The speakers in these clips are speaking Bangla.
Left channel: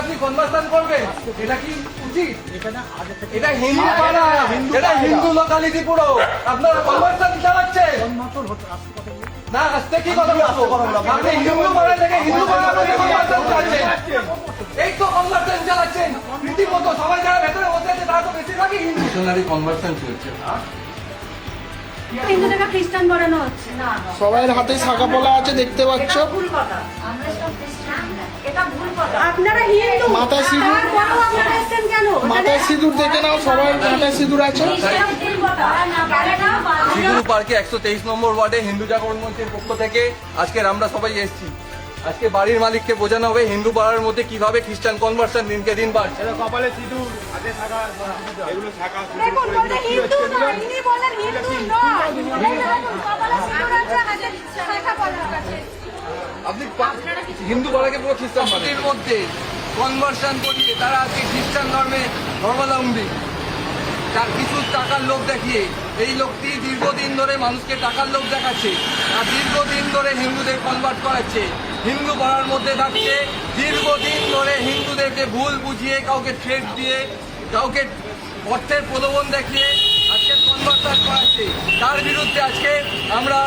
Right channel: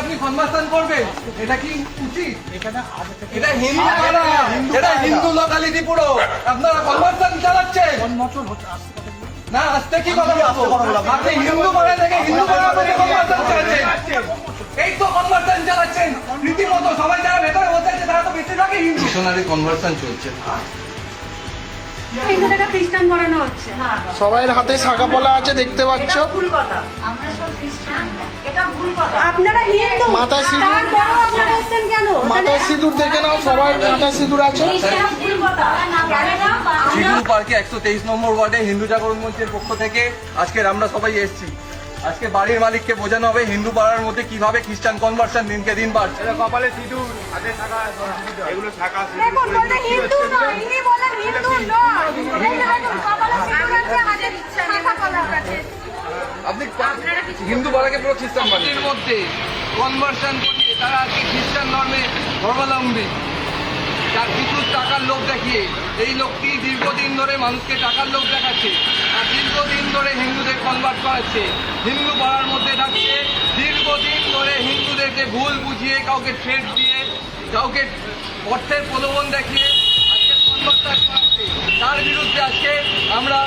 আপনি কনভার্সন করবেন, এটা কি উচিত? এটা হিন্দু পাড়া, এটা হিন্দু লোকালিটি পুরো, আপনারা কনভার্সন চালাচ্ছেন না। আজকে কি কথা বলবো? আপনি হিন্দু পাড়া থেকে হিন্দু পাড়ার মধ্যে কনভার্সন চালাচ্ছেন, এই তো কনভার্সন চালাচ্ছেন রীতিমতো। সবাই যারা ভেতরে বসে আছে তারা তো বেশিরভাগই হিন্দু। মিশনারি কনভার্সন চলছে, হিন্দু থেকে খ্রিস্টান বানানো হচ্ছে। সবাইয়ের হাতে শাখা পলা আছে, দেখতে পাচ্ছ। আপনারা হিন্দু, মাথায় সিঁদুর, তারপরেও আপনারা এসেছেন কেন? মাথায় সিঁদুর দেখে নাও, সবাই মাথায় সিঁদুর আছে। সিগুরু পার্কে 123 নম্বর ওয়ার্ডে হিন্দু জাগরণ মঞ্চের পক্ষ থেকে আজকের আমরা সবাই এসেছি। আজকে বাড়ির মালিককে বোঝানো হবে হিন্দু পাড়ার মধ্যে কিভাবে খ্রিস্টান কনভার্সন দিনকে দিন বাড়ছে। কপালে সিঁদুর, হাতে শাখা, এগুলো শাখা দেখুন, বললেন হিন্দু নয়, ইনি বললেন হিন্দু নয়। এই যে দেখুন, কপালে সিঁদুর আছে, হাতে শাখা পলা আছে। আপনি হিন্দু পাড়াকে পুরো খ্রিস্টান বাড়ির মধ্যে কনভার্সন করিয়ে তারা আজকে খ্রিস্টান ধর্মাবলম্বী, তার কিছু টাকার লোভ দেখিয়ে এই লোকটি দীর্ঘদিন ধরে মানুষকে টাকার লোভ দেখাচ্ছে আর দীর্ঘদিন ধরে হিন্দুদের কনভার্ট করাচ্ছে। হিন্দু পাড়ার মধ্যে থাকছে দীর্ঘদিন ধরে হিন্দুদেরকে ভুল বুঝিয়ে, কাউকে থ্রেট দিয়ে, কাউকে অর্থের প্রলোভন দেখিয়ে আজকে কনভার্ট করাচ্ছে। তার বিরুদ্ধে আজকে আমরা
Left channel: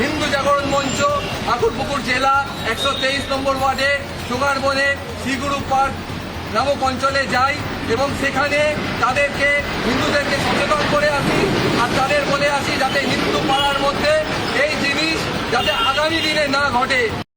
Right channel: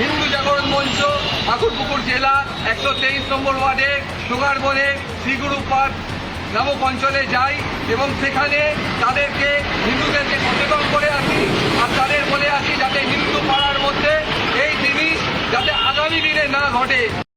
হিন্দু জাগরণ মঞ্চ ঠাকুরপুকুর জেলা 123 নম্বর ওয়ার্ডের সুগারবনের সিগুরু পার্ক নামক অঞ্চলে যাই এবং সেখানে তাদেরকে হিন্দুদেরকে সচেতন করে আসি আর তাদের বলে আসি যাতে হিন্দু পাড়ার মধ্যে এই জিনিস যাতে আগামী দিনে না ঘটে।